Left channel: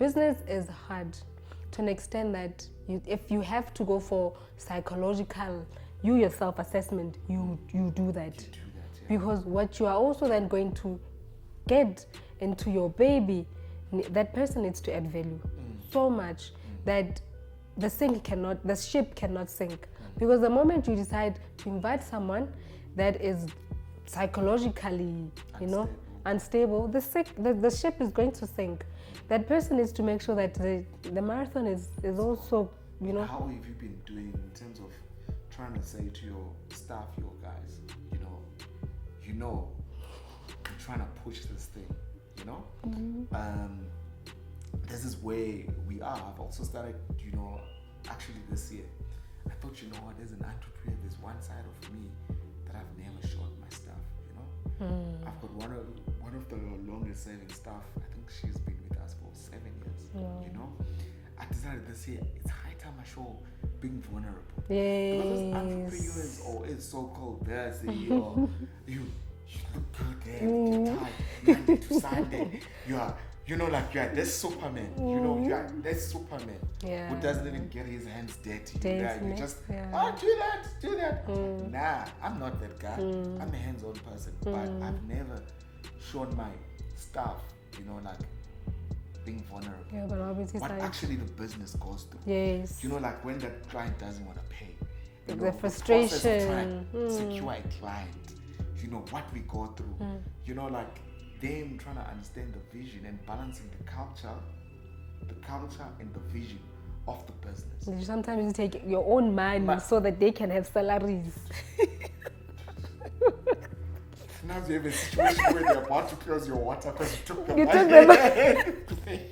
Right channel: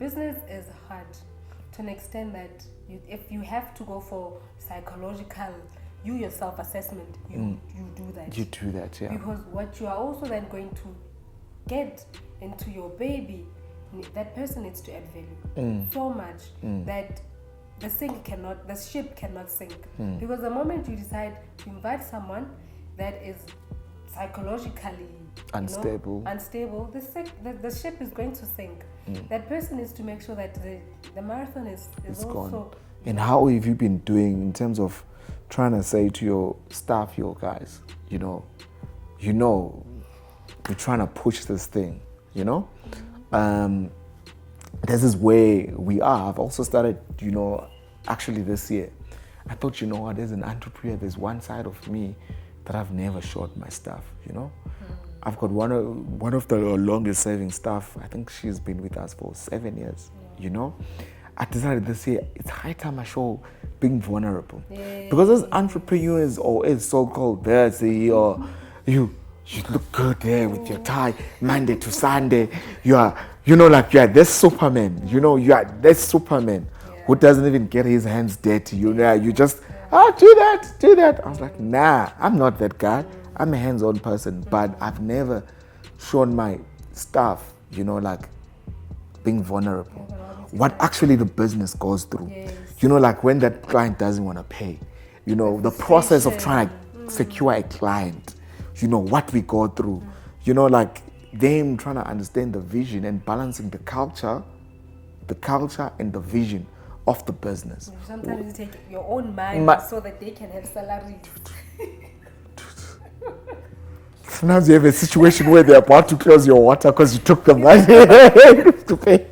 business is hard to an extent that if you have to go for psychological, you yourself assessment, you do that. You do that, yeah. Because what you are also then going to get into your baby, that person needs to add value so much that the ship cannot sink. Because the moment you decide to invite someone that is psychologically unstable, the ship is going to sink. That person needs to make sure that the marathon is also. And how have you been doing in terms of trying to say to your staff, your guys, we're trying to push this thing, this is where we are. I've also started, actually this year, I thought, there's an entrepreneur, there's one side of me that I've never showed my staff, I've got one of the longest serving staff. I think she's been with us for 7 years, I decided this year, it's high time I show being vulnerable. Yes. Because as entrepreneurs, or as so-called the CEO, you look good there with your tie, Monday to Sunday. You are this Superman. You are this Superman who doesn't even get his hands dirty. You just, do that. I was like, nah, I'm not that guy. I'm a hands-on person, but I've never shown my staff, being vulnerable. What actually the business goes through. Yes. When that client doesn't want to pay. The process of trying to secure a client. What we go through. Them trying to understand the vision and balancing the culture and the vision of the business. Sometimes you take your own mind so that they can have salaries. Sometimes you have a situation where they're about to close your water because you took the money to pay.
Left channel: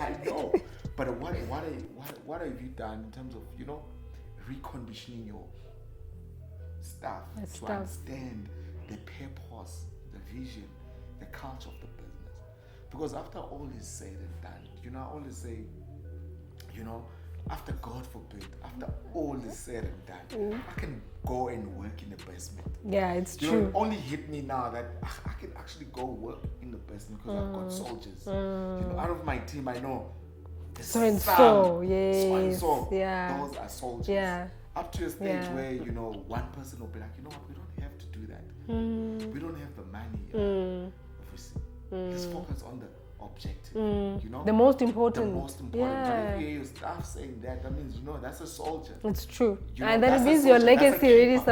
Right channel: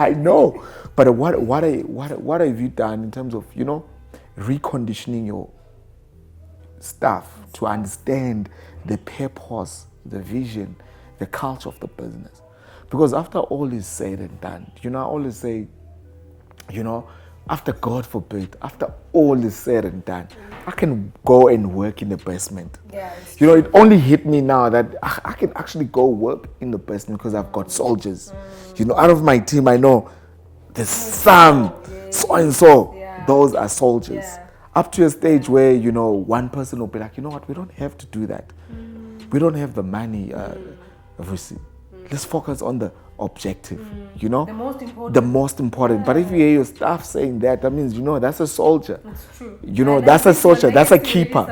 I know, but what have you done in terms of reconditioning your staff to understand the purpose, the vision, the culture of the business? Because after all is said and done, I always say, after God forbid, after all is said and done, I can go and work in the basement. Yeah, it's true. It only hit me now that I can actually go work in the basement because I've got soldiers. Out of my team, I know there's so and so. Yeah. Those are soldiers. Yeah. Up to a stage where, one person will be like, what, we don't have to do that. We don't have the money, obviously. Let's focus on the objective, The most important. The most important. Yeah. But if you hear your staff saying that means, that's a soldier. It's true. That's a soldier. That's a keeper.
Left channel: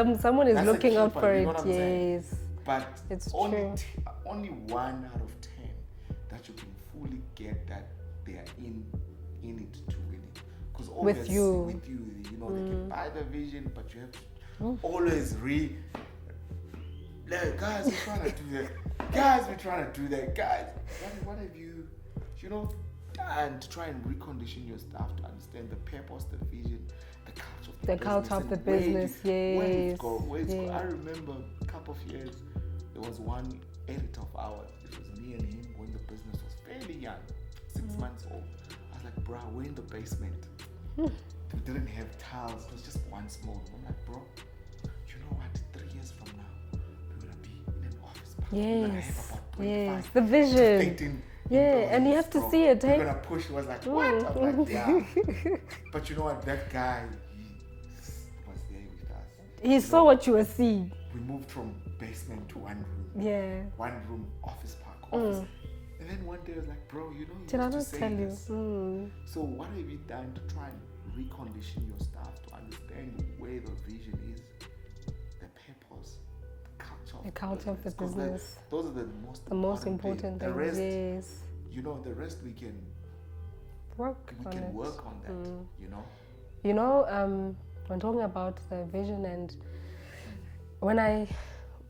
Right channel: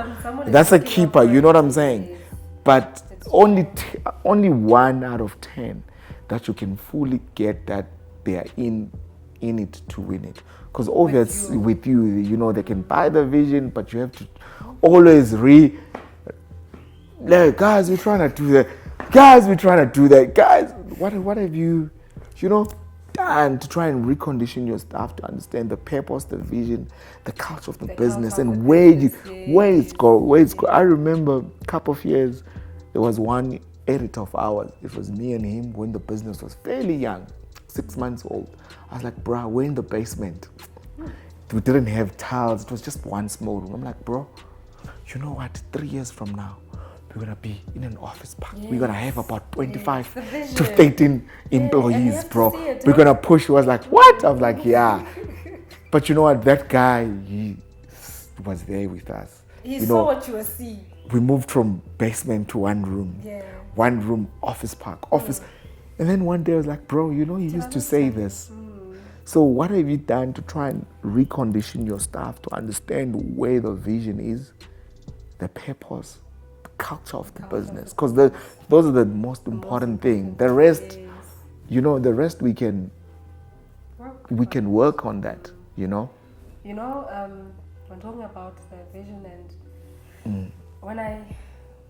That's a keeper. You know what I'm saying? Yes. But only 1 out of 10 that you can fully get that they are in it to win it. Because obviously with you, they can buy the vision, but you have to always guys, we're trying to do that. Guys, what have you, done to try and recondition your staff to understand the purpose, the vision, the culture of the business, and where it's go. I remember a couple of years, there was one editor of ours. It was me and him when the business was fairly young, 6 months old. I was like, bro, we're in the basement. We didn't have tiles. It was just one small room. I'm like, bro, you know what? 3 years from now, we're going to be in an office park. We're going to have about 25 to 13 employees, bro. We're going to push. He was like, what? I was like, yeah. But you know what? That guy, he was there with us. He saw what you were seeing. We moved from basement to one room. Yeah. One room, office park, office. And then one day I was like, bro, you used to say this. So what have you done to try and recondition your staff to understand where the vision is, the purpose, the culture of the business? Because those are the most important things. The rest, the rest we can work on that, When talking about the vision and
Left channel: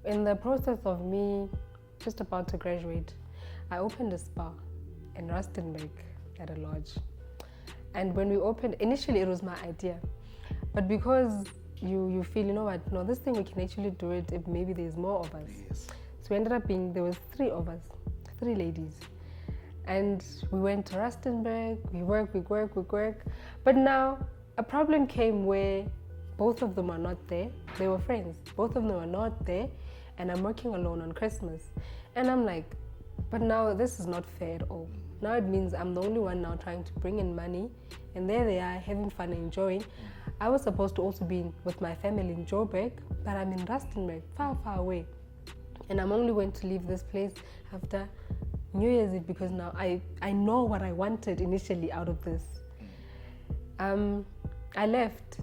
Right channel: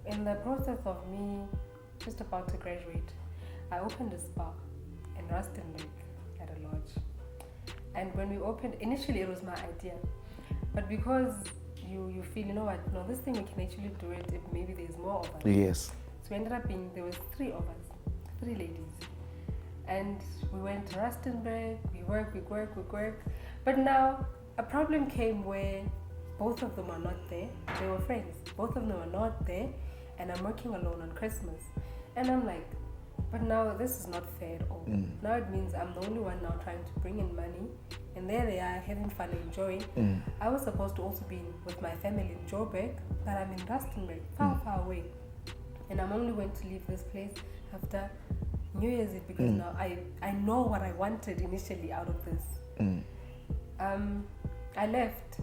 in the process of me just about to graduate, I opened a spa in Rustenburg at a lodge. And when we opened, initially it was my idea. But because you feel, no, this thing we can actually do it if maybe there's more of us. Yes. So we ended up there was 3 of us, 3 ladies. And we went to Rustenburg, we work. But now a problem came where both of them are not there. They were friends. Both of them are not there. And I'm working alone on Christmas. And I'm like, But now this is not fair at all. Now it means I'm the only one now trying to bring in money, and there they are having fun and enjoying. I was supposed to also be with my family in Joburg, but I'm in Rustenburg, far away. And I'm only going to leave this place after New Year's Eve because now I know what I wanted initially out of this. I left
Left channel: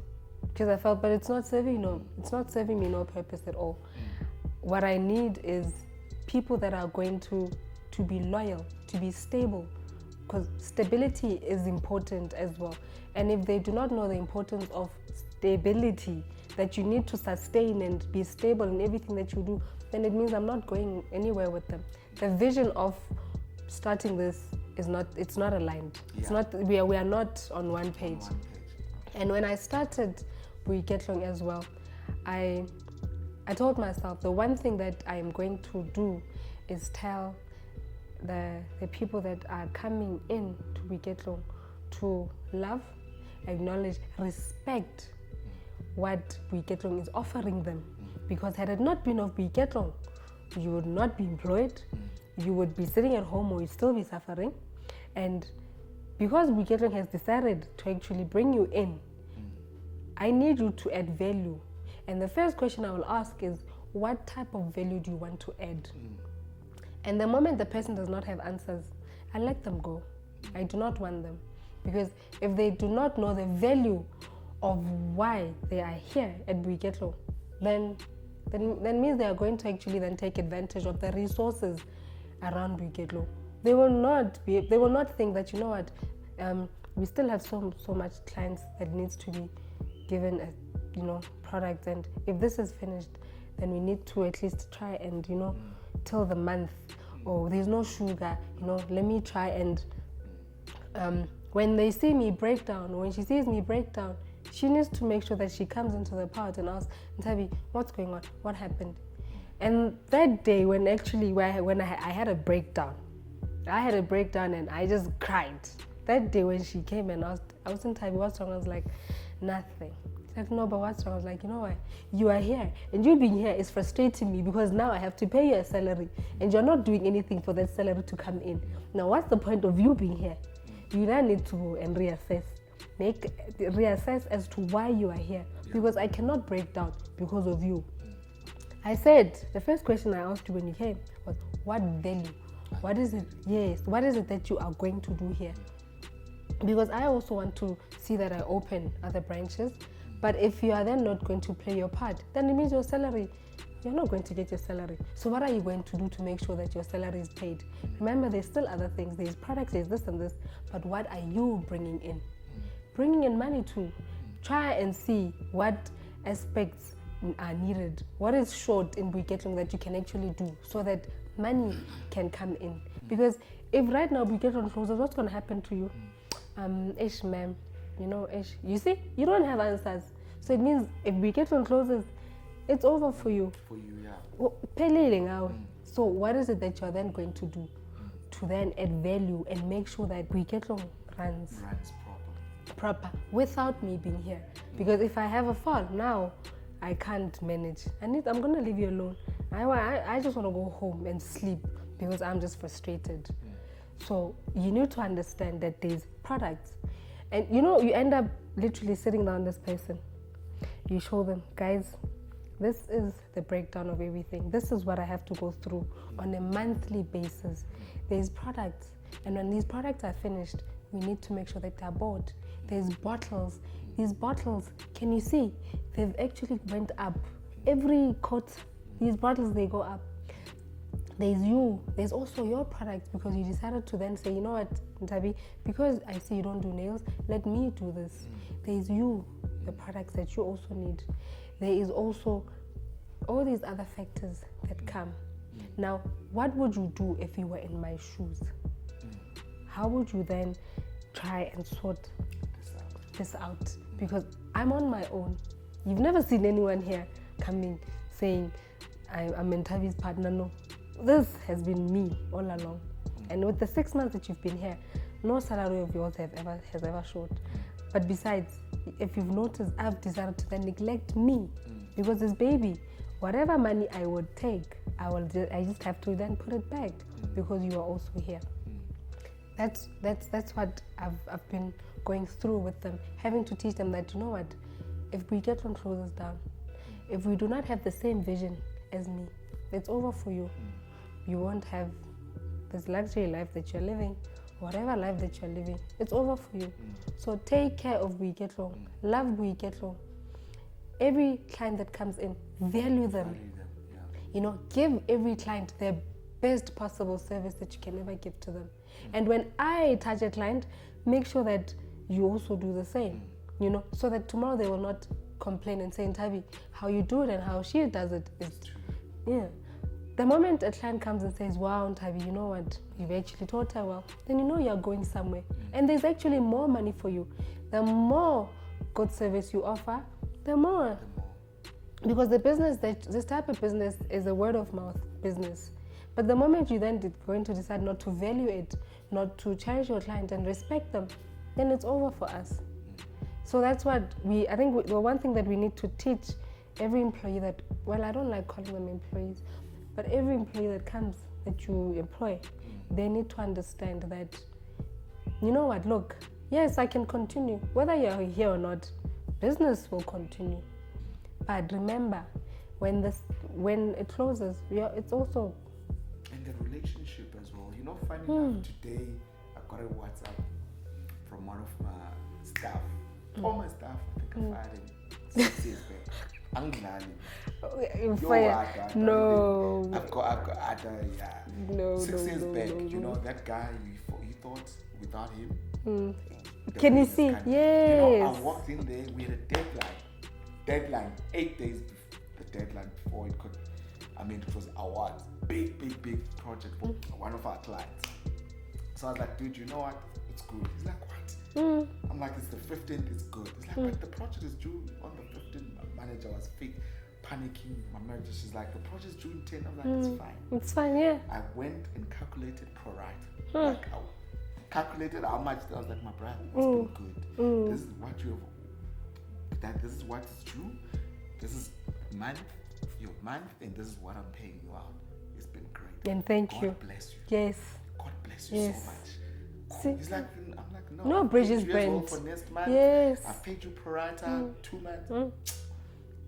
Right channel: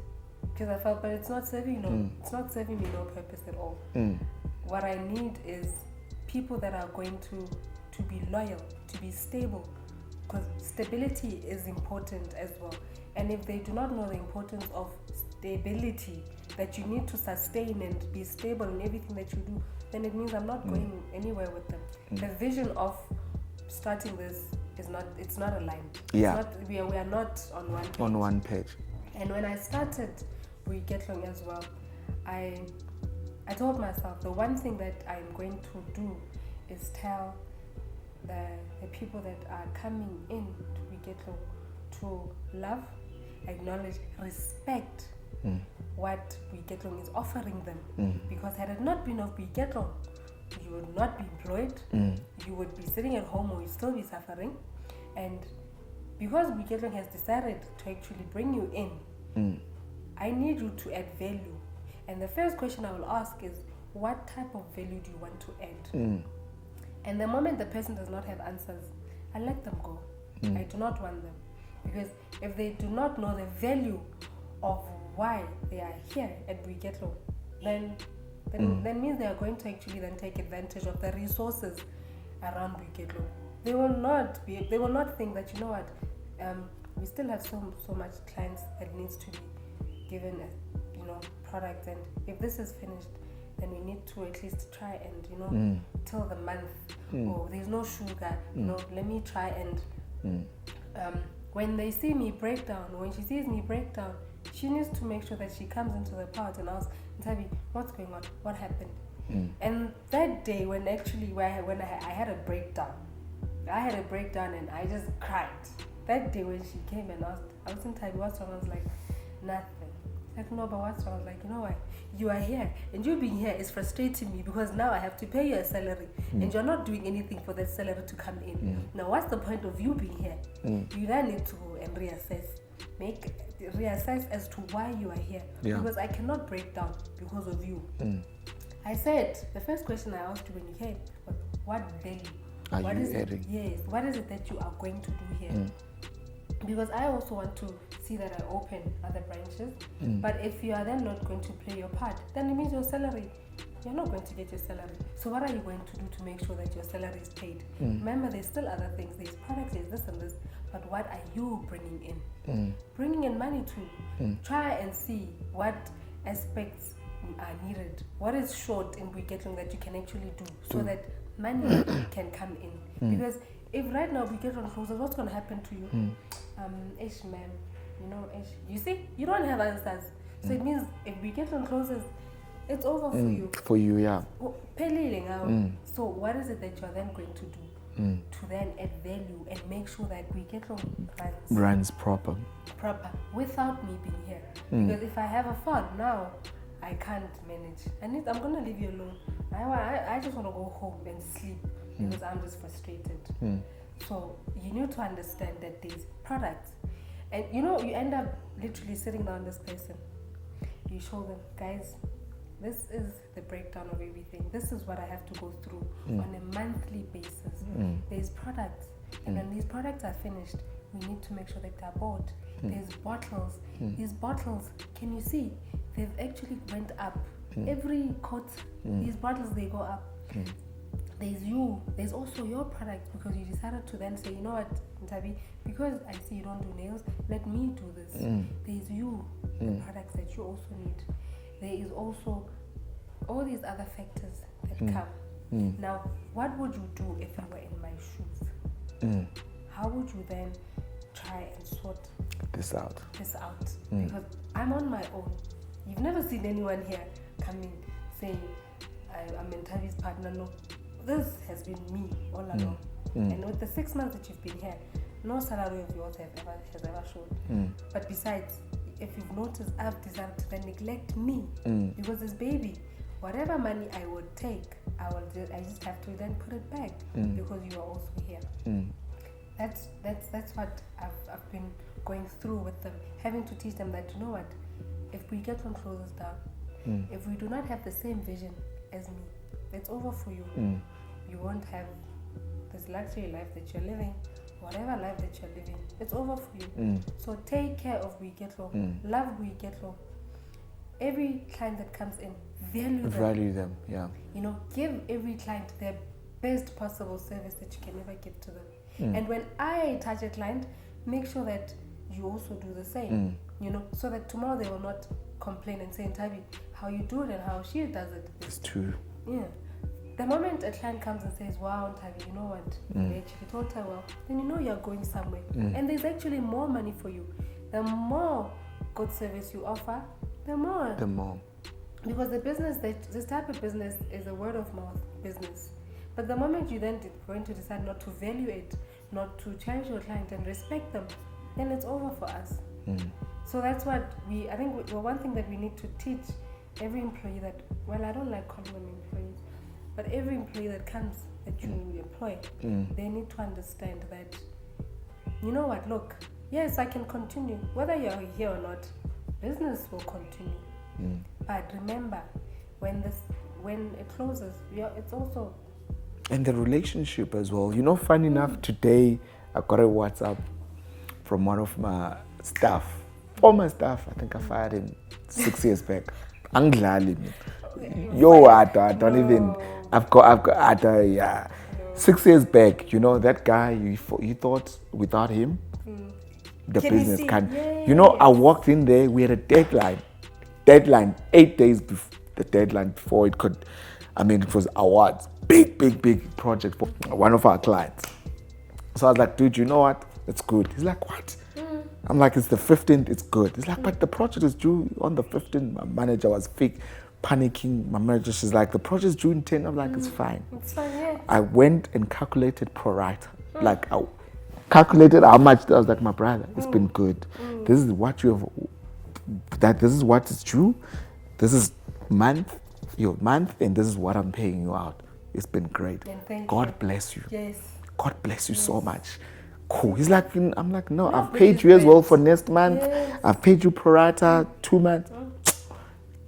because I felt, but it's not serving it's not serving me no purpose at all. What I need is people that are going to be loyal, to be stable, because stability is important as well. And if they do not know the importance of stability, that you need to sustain and be stable in everything that you do, then it means I'm not going anywhere with them. The vision of starting this is not aligned. Yeah. It's not, we are not on one page. On one page. And when I started Boiketlong as well, I told myself the one thing that I'm going to do is tell the people that are coming in to Boiketlong to love, acknowledge, respect what Boiketlong is offering them. Because had it not been of Boiketlong, you would not be employed, you would be sitting at home or you'd still be suffering. And because Boiketlong has decided to actually bring you in, I need you to add value. And the first question I will ask is, what type of value do you want to add? And the moment the person does not have answers, I let them go. I do not want them. Because if they do not know the value of why they are here at Boiketlong, then means they are going to actually then take advantage of the resources around Boiketlong. They will not think that, you know what, we still have so much clients that needs to be given products, and if this is finished, then we need to at least try and till the month. Or there's no sugar, let me try and when they see me break down, when she sees me break down, she needs to make sure that she comes into the part and asks, Nthabi, what's going on? What happened? And that day when I had a breakdown, and I just cried. That day when she came and asked, I was in Nthabi, what's wrong? I was like, nothing. Like, no, but what's wrong? I was like, you know what? You are here, and you being here is frustrating me because now I have to pay you a salary, and you're not doing anything for that salary to come in. Now, what's the point of you being here? You then need to go and reassess as to why you are here, because I cannot break down because of you. I said, the first question I asked you when you came was, what value? What is it? Yes, what is it that you are going to do here? Because I also want to see that I open other branches. But if you are then not going to play your part, then it means your salary, you're not going to get your salary. So what are you going to do to make sure that your salary is paid? Remember, there's still other things. There's products, there's this and this. But what are you bringing in? Bringing in money too. Try and see what aspects are needed. What is short in Boiketlong that you can actually do so that money can come in? Because if right now Boiketlong closes, what's going to happen to you? Ish, ma'am, you see, you don't have answers. So it means if Boiketlong closes, it's over for you. For you, yeah. So what is it that you're then going to do to then add value and make sure that Boiketlong runs proper without me being here? Because if I have a fall now, I can't manage. I'm going to leave you alone. I just want to go home and sleep because I'm just frustrated. So you need to understand that there's products. And you end up literally sitting down this person. You show them, guys, this is the breakdown of everything. This is what I have to go through on a monthly basis. There's products. And when these products are finished, we need to make sure that they're bought. There's bottles. These bottles, can you see? They've actually went up. Every quarter, these bottles, they go up. There's you. There's also your products, because you decided to then say, you know what, Nthabi, because I see you don't do nails, let me do this. There's you, the products that you also need. There is also all these other factors that come. Now, what would you do if you were in my shoes? How would you then try and sort this out? Because I'm on my own. You've never seen anyone here coming saying, I'm Nthabi's partner. No. This has been me all along. And with the 6 months that you've been here, no salary of yours has ever showed. But besides, if you've noticed, I've decided to then neglect me because this baby, whatever money I would take, I just have to then put it back because you are also here. That's what I've been going through with them, having to teach them that, you know what, if Boiketlong closes down, if we do not have the same vision as me, it's over for you. You won't have this luxury life that you're living, whatever life that you're living, it's over for you. So take care of Boiketlong, love Boiketlong. Every client that comes in, value them. Yeah. You know, give every client their best possible service that you can ever give to them. And when I touch a client, make sure that you also do the same. You know, so that tomorrow they will not complain and say, Nthabi, how you do it and how she does it is true. Yeah. The moment a client comes and says, wow, Nthabi, you know what, you actually taught her well, then you know you're going somewhere. And there's actually more money for you. The more good service you offer, the more. Because this type of business is a word of mouth business. But the moment you then going to decide not to value it, not to cherish your client and respect them, then it's over for us. So that's what I think the one thing that we need to teach every employee that, well, I don't like calling them employees, but every employee that comes, that you employ, they need to understand that, you know what, look, yes, I can continue. Whether you're here or not, business will continue. But remember, when it closes, it's also... And the relationship as well. You know, funny enough, today I got a WhatsApp from one of my staff, former staff. I think I fired him 6 years back. Anglali. Yo, I don't even. I've got, yeah. No. 6 years back, you know, that guy, you thought without him, the business can't. Yes. You know, I walked in there, we had a deadline, 8 days before the deadline before it could. I mean, it was awards, big project for one of our clients. So I was like, dude, you know what? It's good. He's like, what? I'm like, it's the 15th, it's good. He's like, but the project is due on the 15th. My manager was panicking. My manager, she's like, the project is due in 10. I'm like, it's fine. It's fine, yeah. I went and calculated pro rata. Like, I calculated how much. I was like, my brother, it's been good. This is what you have, this is what is due. This is your month, and this is what I'm paying you out. It's been great. And thank God you. Bless you. Yes. God bless you so much. Cool. He's like, I'm like, no, I've paid you as well for next month. Yes. I've paid you pro rata 2 months.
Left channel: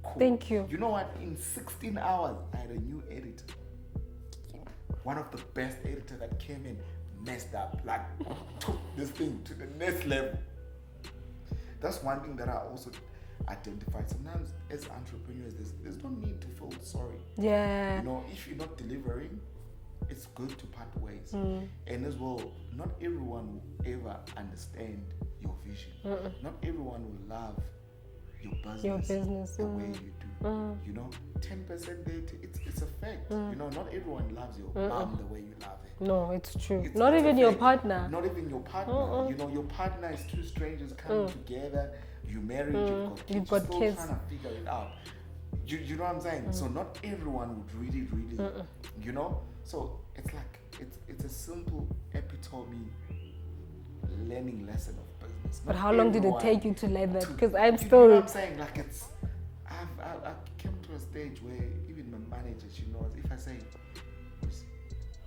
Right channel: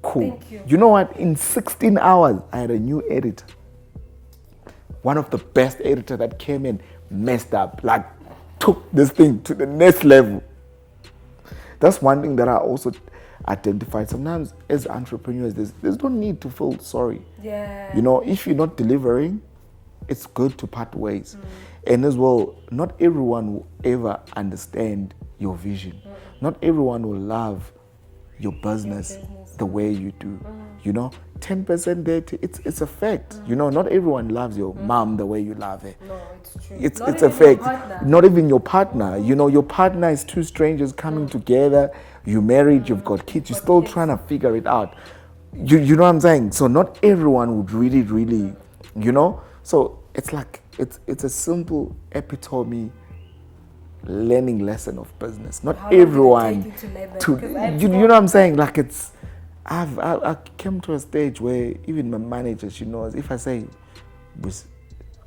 Cool. Thank you. You know what? In 16 hours, I had a new editor. One of the best editors that came in, messed up, like took this thing to the next level. That's one thing that I also identified. Sometimes as entrepreneurs, there's no need to feel sorry. Yeah. You know, if you're not delivering, it's good to part ways. And as well, not everyone will ever understand your vision. Not everyone will love your business the way you do. You know, 10% there, it's a fact. You know, not everyone loves your mom the way you love her. No, it's true. It's a fact. Not even your partner. You know, your partner is two strangers coming together. You married, you've got kids, you're still trying to figure it out. You know what I'm saying? So not everyone would really, you know? So it's like, it's a simple epitome learning lesson of business. Not everyone you know what I'm saying? Like I came to a stage where even my manager, she knows, if I say,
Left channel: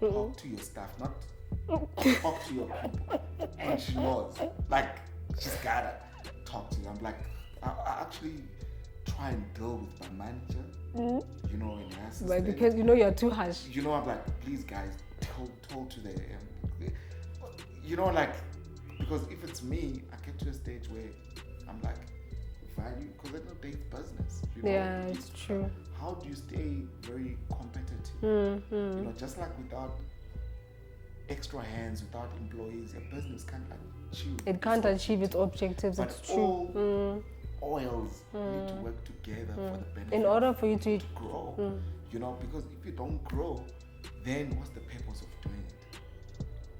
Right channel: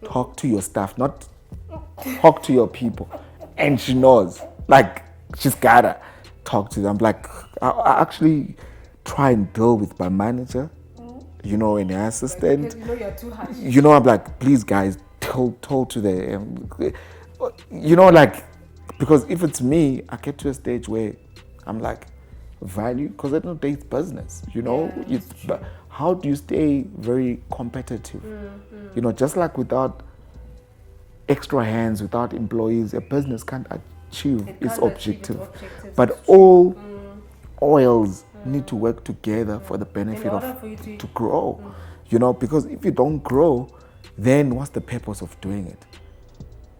talk to your staff, not talk to your people. And she knows, like, she's gotta talk to them. Like, I actually try and deal with my manager, you know, and the assistant. Because you know you're too harsh. You know, I'm like, please guys, tell to the, you know, like, because if it's me, I get to a stage where I'm like, value, because at the end of the day, it's business, you know. But how do you stay very competitive? You know, just like without extra hands, without employees, a business can't achieve its objective. But all oils need to work together for the benefit of for you to grow. You know, because if you don't grow, then what's the purpose of doing it?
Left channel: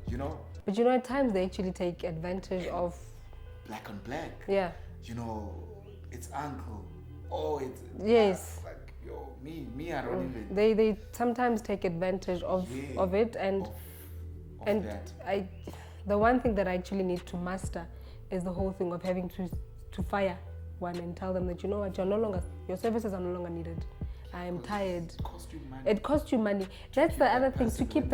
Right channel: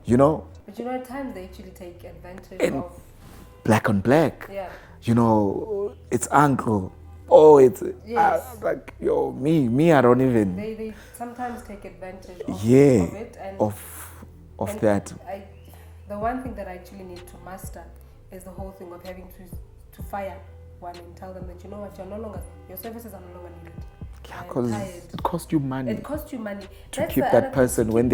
You know? But you know, at times they actually take advantage of black on black. Yeah. You know, it's uncle. Oh, it's like, yo, me, I don't even. They sometimes take advantage of it and of that. The one thing that I actually need to master is the whole thing of having to fire one and tell them that, you know what, your services are no longer needed. I'm tired. It costs you money. It costs you money. To keep that person when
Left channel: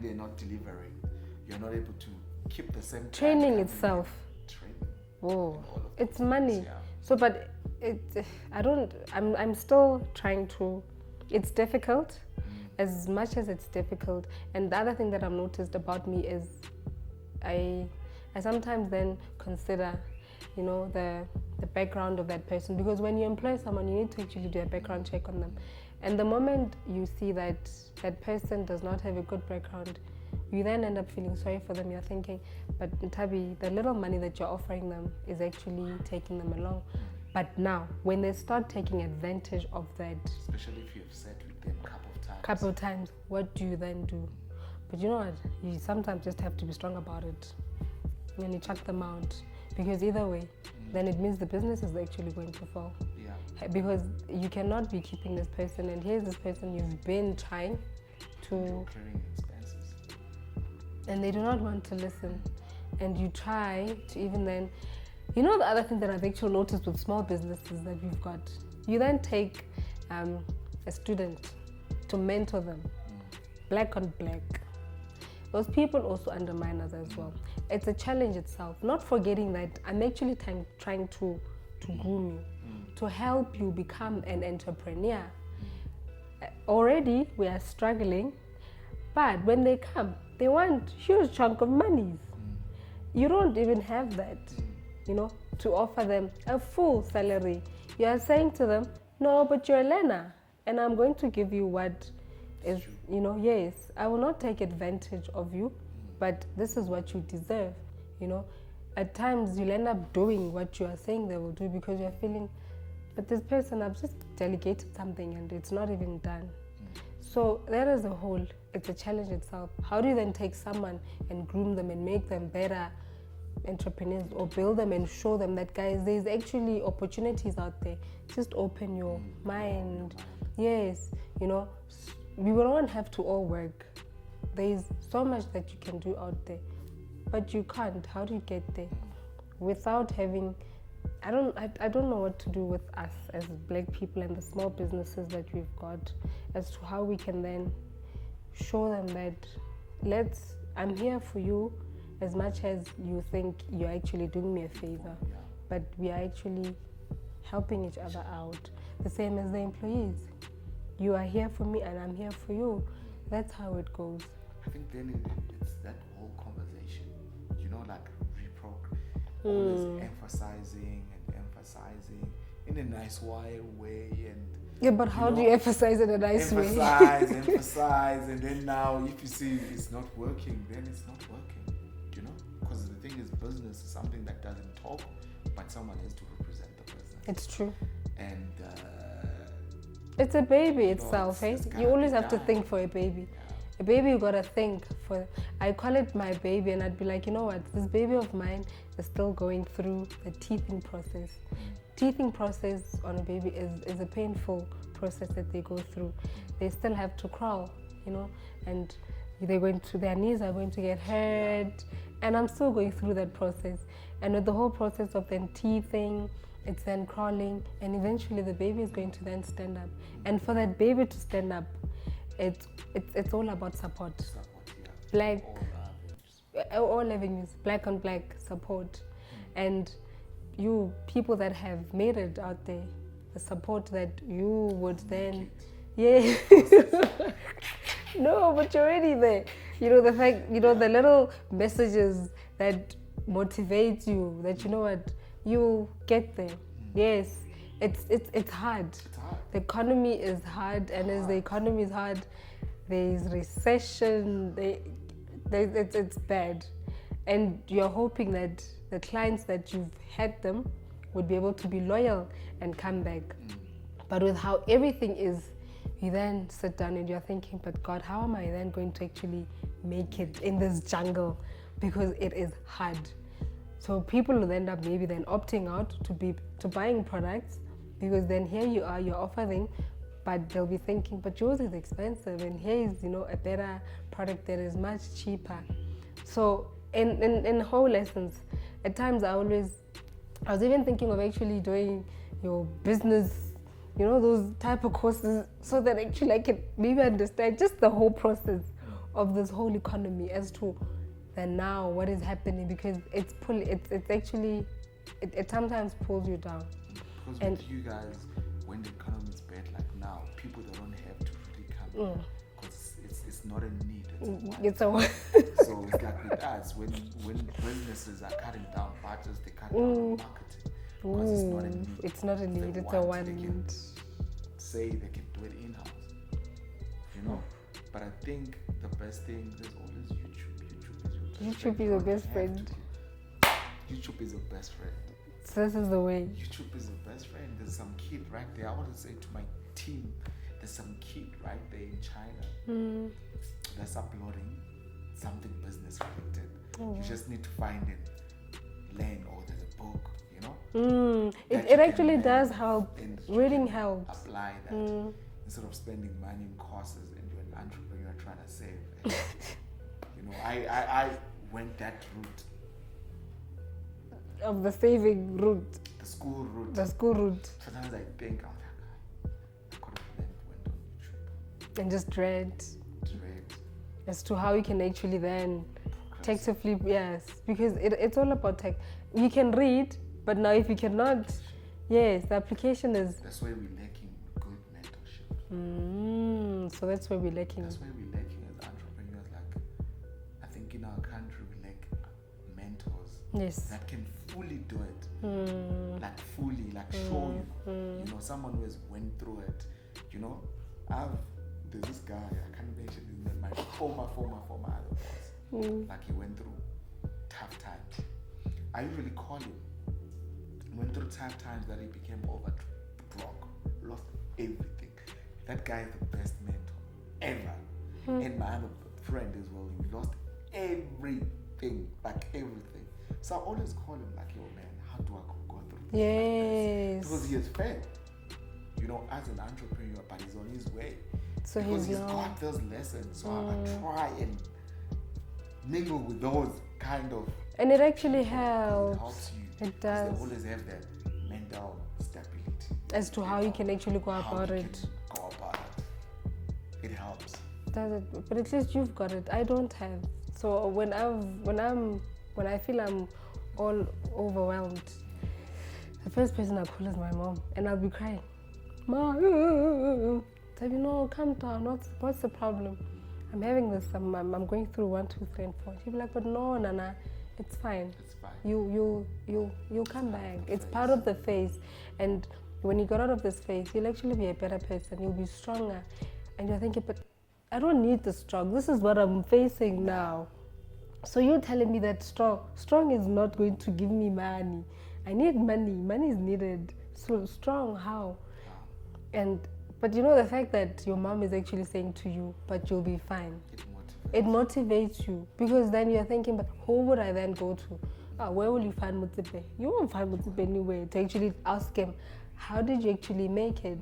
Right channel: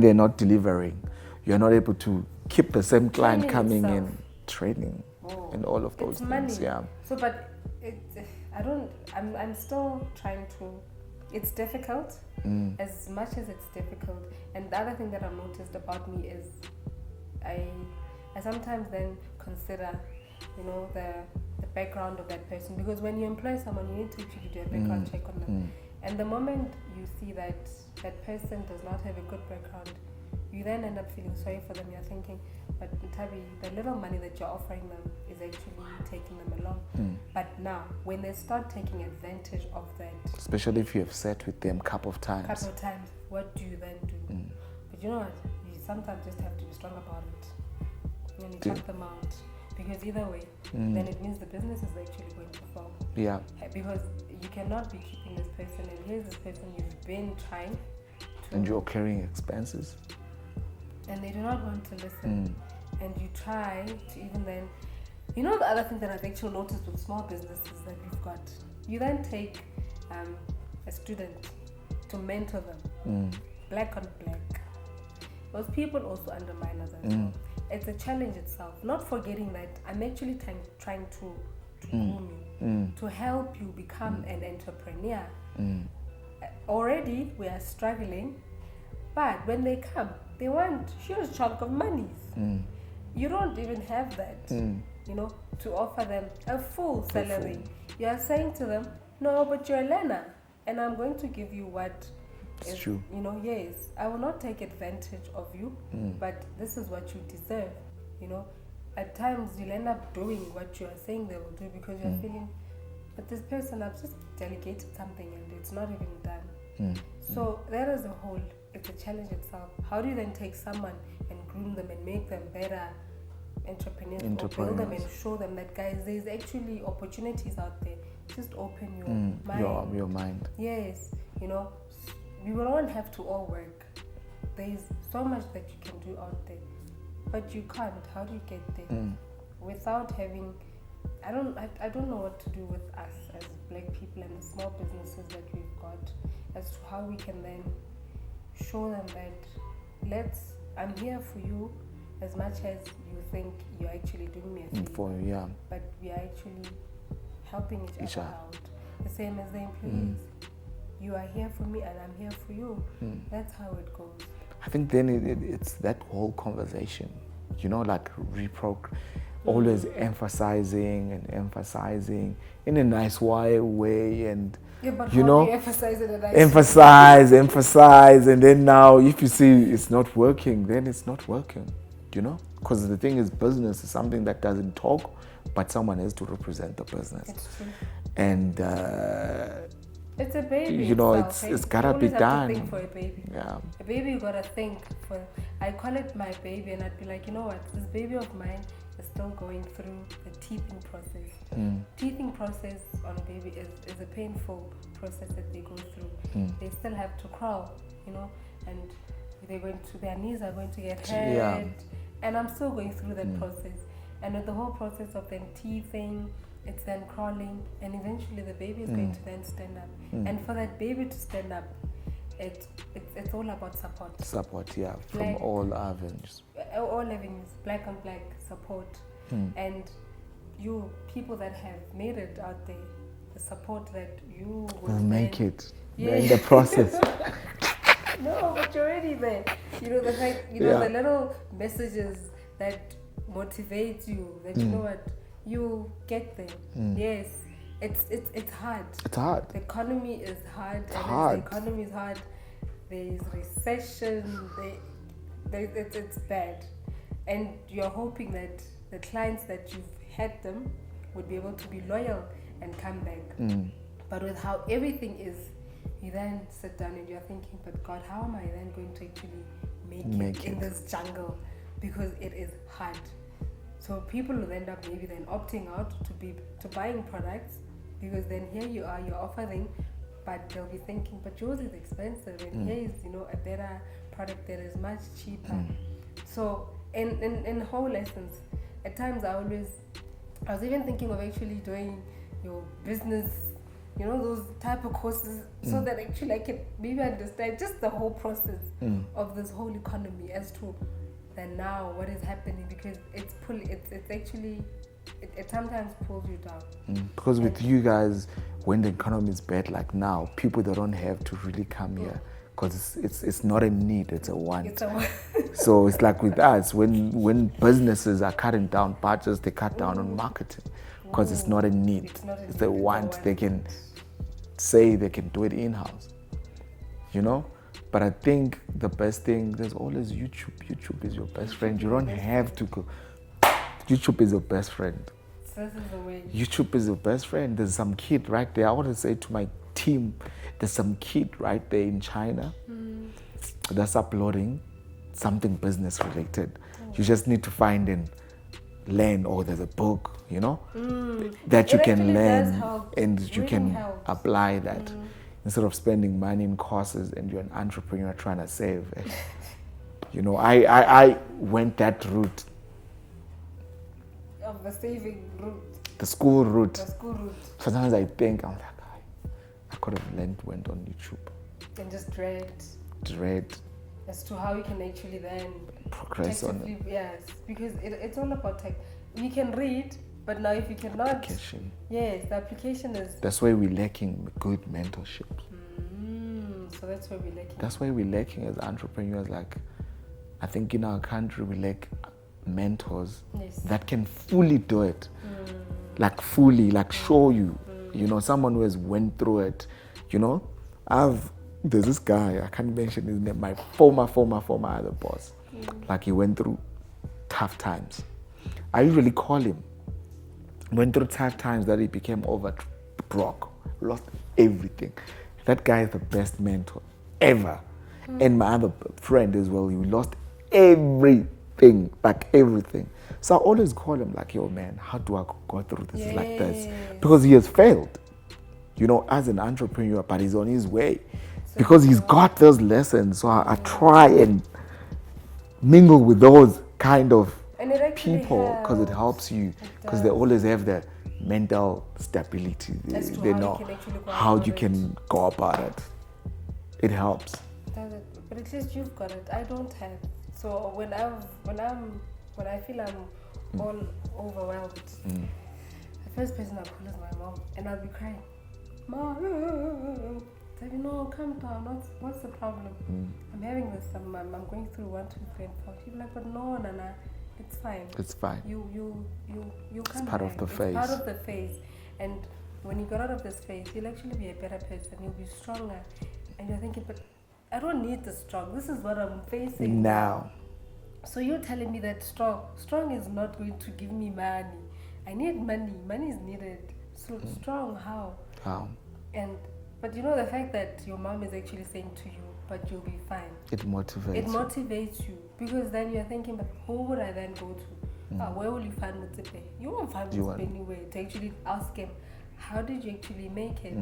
they're not delivering. You're not able to keep the same client coming in. Training. And all of those it's things. Money. Yeah. So, but I'm still trying to. It's difficult, as much as it's difficult. And the other thing that I've noticed about me is, I sometimes then consider, the background of that person, because when you employ someone, you need to actually do a background check on them. And the moment you see that that person does not have a good background, you then end up feeling sorry for them. You're thinking, but Nthabi, the little money that you're offering them is actually taking them along. But now, when they start taking advantage of that, especially if you have sat with them a couple of times, what do you then do? But you know what? You sometimes just have to be strong about it. When you cut them out, because either way, then it means the business is actually going to fall. Yeah. Because you cannot be keeping this person, and here's this person you've been trying to. And you're carrying expenses. And they do not want to listen. And you try to even then, the other thing that I've actually noticed with small businesses that we've got, you then take a student to mentor them, black on black. Those people also undermine us as well. It's a challenge itself, not forgetting that I'm actually trying to groom you, to help you become an entrepreneur. Already we are struggling, but when they come, they want huge chunk of monies. You don't even have that, to offer them a full salary. You are saying to them, no, but you're a learner, and I'm going to give you what is true. Yes, I will not take advantage of you, but this is what you deserve. At times you'll end up doing what you are saying they will do, because you're feeling, but this person, I've just delegated something and it's not even done. So that as a whole, it's a challenge itself. How do you then take someone and groom them and make them better entrepreneurs, or build them and show them that, guys, there's actually opportunities out there. Just open your mind. Your mind. Yes, we will not have to all work. There's so much that you can do out there, but you can't. How do you get there without having? I don't know what to do with us as black people and the small businesses that we've got, as to how we can then show them that I'm here for you, as much as you think you're actually doing me a favor. But we are actually helping each other out. The same as the employees. You are here for me and I'm here for you. That's how it goes. I think then it's that whole conversation, like always emphasizing in a nice way, and but how do you emphasize in a nice way? Emphasize, and then now if you see it's not working, then it's not working, because the thing is, business is something that doesn't talk, but someone has to represent the business. It's true. And it's a baby itself. It's gotta be done. You always have to think for a baby. Yeah. A baby, you gotta think for. I call it my baby, and I'd be like, you know what? This baby of mine is still going through the teething process. Teething process on a baby is a painful process that they go through. They still have to crawl, and their knees are going to get hurt, and I'm still going through that process. And with the whole process of then teething, it's then crawling, and eventually the baby is going to then stand up. And for that baby to stand up, it's all about support. Support, from all avenues. All avenues, black on black support. And you people that have made it out there, the support that you would then make it. Yeah. In the process. No, but you're already there. The fact, the little messages that motivate you, that you know what, you get there. Yes, it's hard. It's hard. The economy is hard, as the economy is hard, there's recession. It's bad, and you're hoping that the clients that you've had them would be able to be loyal and come back. But with how everything is, you then sit down and you're thinking, but God, how am I then going to actually make it in this jungle? Because it is hard. So people will end up maybe then opting out to buying products, because then here you are, you're offering, but they'll be thinking, but yours is expensive, and here is a better product that is much cheaper. So in whole lessons, at times I was even thinking of actually doing your business you know, those type of courses, so that actually I can maybe understand just the whole process of this whole economy as to then now what is happening, because it's actually it sometimes pulls you down. Because with you guys, when the economy is bad like now, people that don't have to really come here, because it's not a need, it's a want. It's a want. So it's like with us, when businesses are cutting down budgets, they cut down on marketing, because it's not a need. It's not a need. It's a want. They can say they can do it in-house, you know. But I think the best thing, there's always YouTube. YouTube is your best friend. You don't have to go. YouTube is your best friend. So this is the way. YouTube is your best friend. There's some kid right there. I want to say to my team, there's some kid right there in China that's uploading something business related. You just need to find and learn, or there's a book, you know, that you can learn and you can apply that. Instead of spending money in courses and you're an entrepreneur trying to save. You know, I went that route. Of the saving route. The school route. The school route. Sometimes I think, I'm like, I could have went on YouTube. And just read. As to how you can actually then progress on it. Yes, because it's all about tech. You can read, but now if you cannot, yes, the application is. That's why we're lacking good mentorship. So that's where we're lacking. That's why we're lacking as entrepreneurs. Like, I think in our country we lack mentors that can fully do it, like fully, like show you, you know, someone who has went through it. You know, there's this guy, I can't mention his name, my former other boss. Like, he went through tough times. I usually call him. Went through tough times that he became broke, lost everything. That guy is the best mentor ever. And my other friend as well, he lost everything, like everything. So I always call him like, yo man, how do I go through this like this? Because he has failed, you know, as an entrepreneur, but he's on his way. So because he's got those lessons. So I try and mingle with those kind of people, because it helps you, because they always have that mental stability. As to they how know you can actually go how about you can go about it. It helps. But at least you've got it. I don't have. So when I feel I'm all overwhelmed, the first person I call is my mom, and I'll be crying. Mom, tell me, no, calm down. What's the problem? I'm having this. I'm going through 1, 2, 3, and 4. She'll be like, but no, Nana, it's fine. It's fine. You come back. It's part of the phase. And when you get out of this phase, you'll actually be a better person. You'll be stronger. And you're thinking, but I don't need the strong. This is what I'm facing now. So you're telling me that strong is not going to give me money. I need money. Money is needed. So strong, how? But you know, the fact that your mom is actually saying to you, but you'll be fine. It motivates. It motivates you, because then you're thinking, but who would I then go to? Where will you find Mutipe? You won't find Mutipe anyway. To actually ask him, how did you actually make it?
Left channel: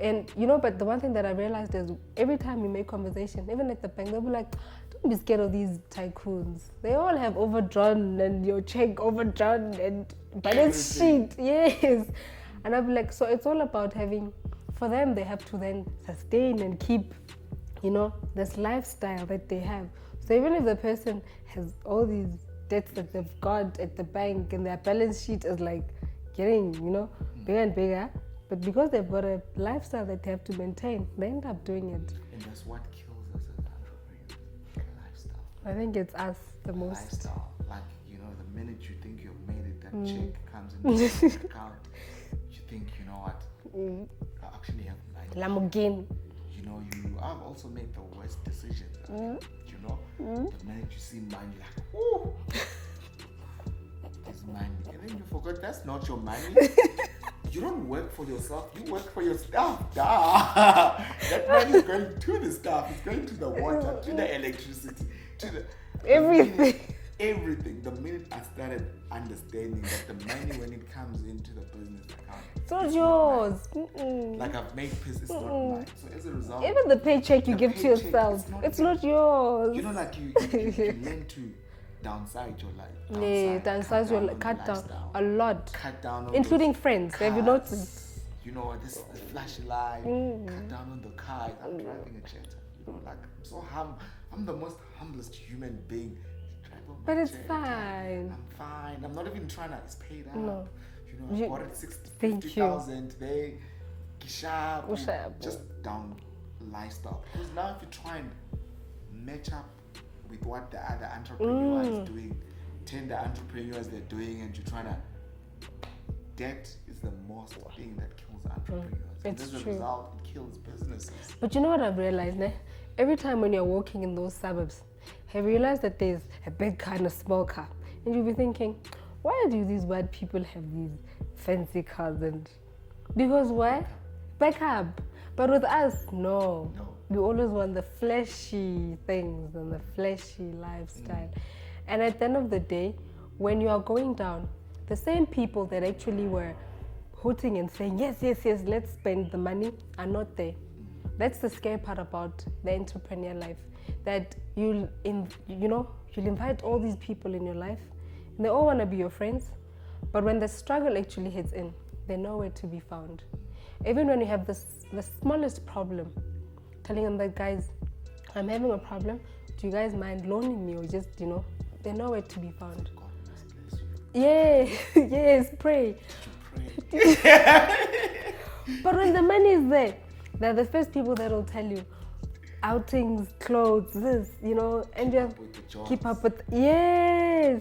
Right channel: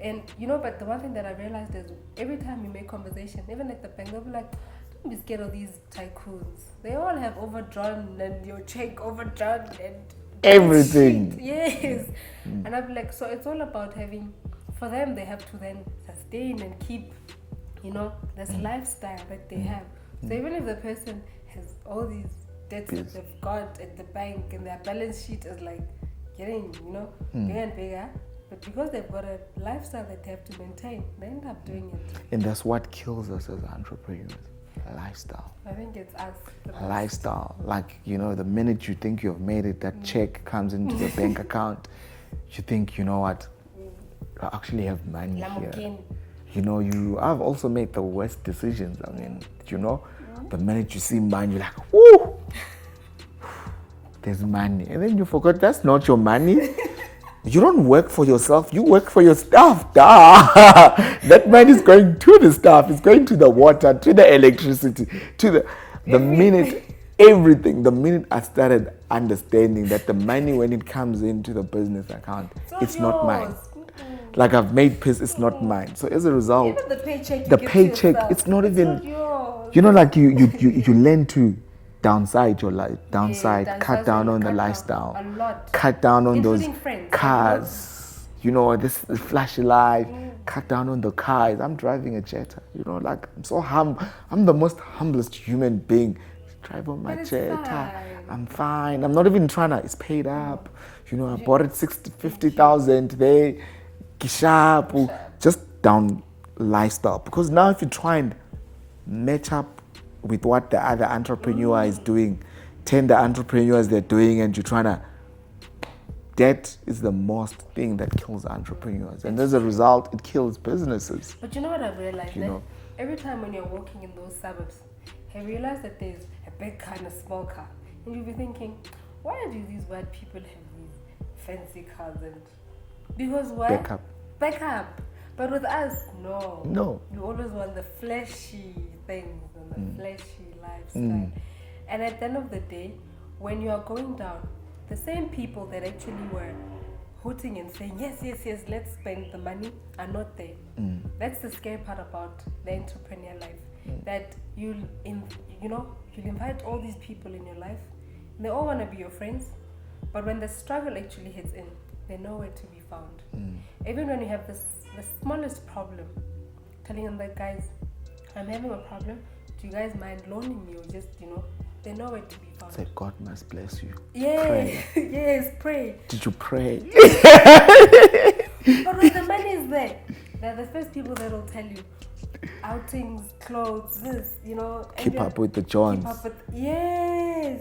And you know, but the one thing that I realized is every time you make conversation, even at the bank, they'll be like, don't be scared of these tycoons. They all have overdrawn and your check overdrawn and everything. Yes. And I'll be like, so it's all about having, for them, they have to then sustain and keep, you know, this lifestyle that they have. So even if the person has all these debts that they've got at the bank and their balance sheet is like getting, you know, bigger and bigger, but because they've got a lifestyle that they have to maintain, they end up doing it. And that's what kills us as entrepreneurs. Lifestyle. I think it's us the most. Lifestyle. Like, you know, the minute you think you've made it, that check comes into the bank account, you think, you know what, I actually have money here. You know, I've also made the worst decisions. I mean, you know, the minute you see money, you're like, woo, there's money. And then you forgot that's not your money. You don't work for yourself, you work for your staff. That money is going to the staff, it's going to the water, to the electricity, to the minute, everything. The minute I started understanding that the money, when it comes into the business account, it's not mine. Like, I've made peace, it's not mine. So as a result, even the paycheck you get to yourself, it's not yours. Yours. You know, like you learn to downside your life, cut down on the lifestyle, a lot, cut down on including those friends, cars, you know, this flashy life, cut down on the cars. I'm driving a Jetta, you know, like I'm so I'm the most humblest human being. Drive on my Jetta. Fine. I'm fine. I'm not even trying to, it's paid up. You know, I bought it 50,000 there, kishapu, just down lifestyle. Because now if you try and match up with what the other entrepreneur is doing, 10 the entrepreneurs they're doing, and you're trying to, that is the most thing that kills entrepreneurs. And as a result, it kills businesses. But you know what I've realized? Every time when you're walking in those suburbs, have you realized that there's a big car and a small car? And you'll be thinking, why do these white people have these fancy cars? And because why? Back up. But with us, no. We always want the flashy things and the flashy lifestyle. And at the end of the day, when you are going down, the same people that actually were hooting and saying, yes, let's spend the money are not there. That's the scary part about the entrepreneur life. That you'll invite all these people in your life, and they all want to be your friends, but when the struggle actually hits in, they're nowhere to be found. Even when you have the smallest problem, telling them that, guys, I'm having a problem, do you guys mind loaning me, or just, they're nowhere to be found. Say, God must bless you. Yeah, pray. Yes, pray. Did you pray? But when the money is there, they're the first people that will tell you, outings, clothes, this, and keep up with the Johns. Keep up with, yes.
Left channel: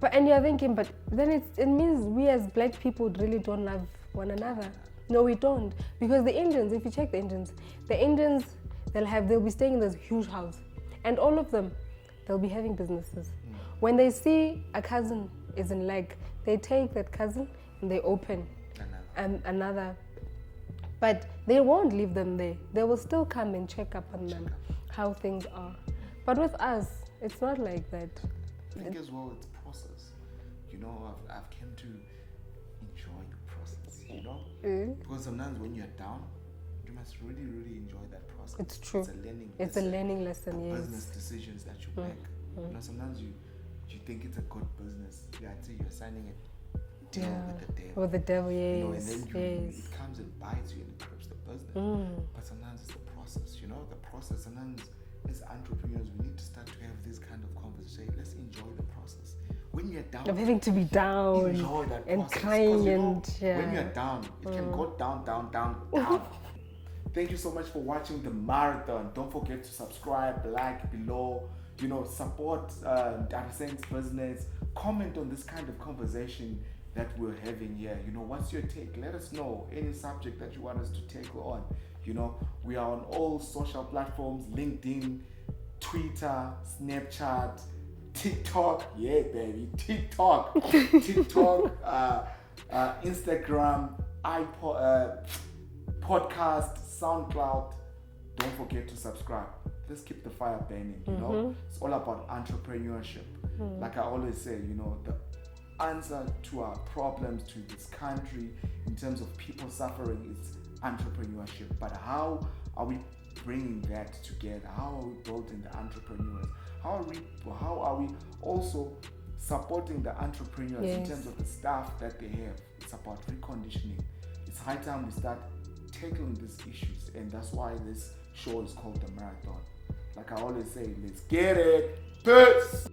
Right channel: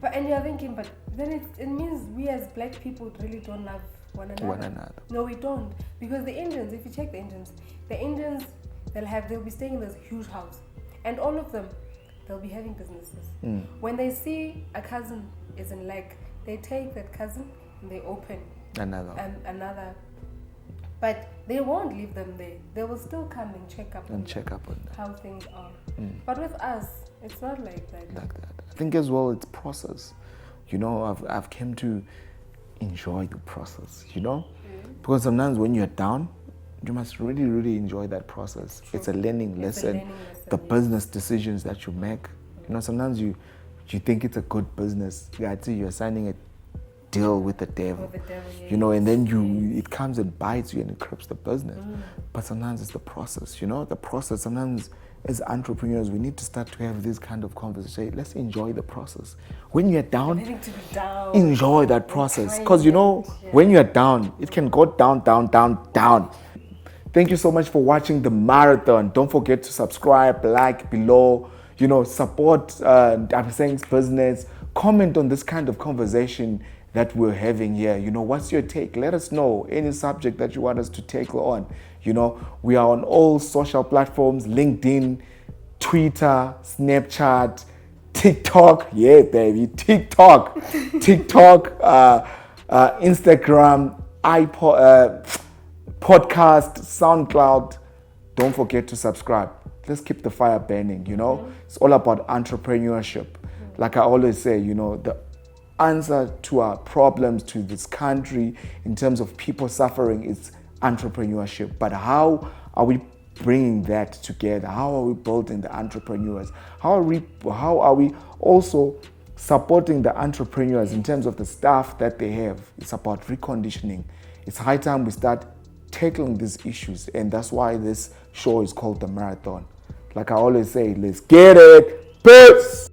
But and you're thinking, but then it means we as black people really don't love one another. No, we don't, because the Indians, if you check the Indians, they'll be staying in this huge house, and all of them, they'll be having businesses. When they see a cousin is in lag, they take that cousin and they open another. But they won't leave them there. They will still come and check up on how things are. But with us, it's not like that. I think as well, it's process. I've come to enjoy the process, because sometimes when you're down, you must really, really enjoy that process. It's a learning lesson. The business decisions that you make. Sometimes you think it's a good business. You're signing a deal with the devil. Yes. And then it comes and bites you and it crips the business. But sometimes it's the process. The process. Sometimes as entrepreneurs, we need to start to have this kind of conversation. Let's enjoy the process. When you're down, having to be down, enjoy that process. Because when you're down, it can go down, down, down, down. Thank you so much for watching the marathon. Don't forget to subscribe, like below, support Nthabiseng's business. Comment on this kind of conversation that we're having here. What's your take? Let us know any subject that you want us to take on. We are on all social platforms: LinkedIn, Twitter, Snapchat, TikTok. Yeah, baby, TikTok, Instagram, podcast, SoundCloud. Don't forget to subscribe. Let's keep the fire burning. It's all about entrepreneurship. Like I always say, the answer to our problems to this country in terms of people suffering is entrepreneurship. But how are we bringing that together? How are we building the entrepreneurs? How are we also supporting the entrepreneurs in terms of the staff that they have? It's about reconditioning. It's high time we start tackling these issues, and that's why this show is called The Marathon. Like I always say, let's get it. Peace!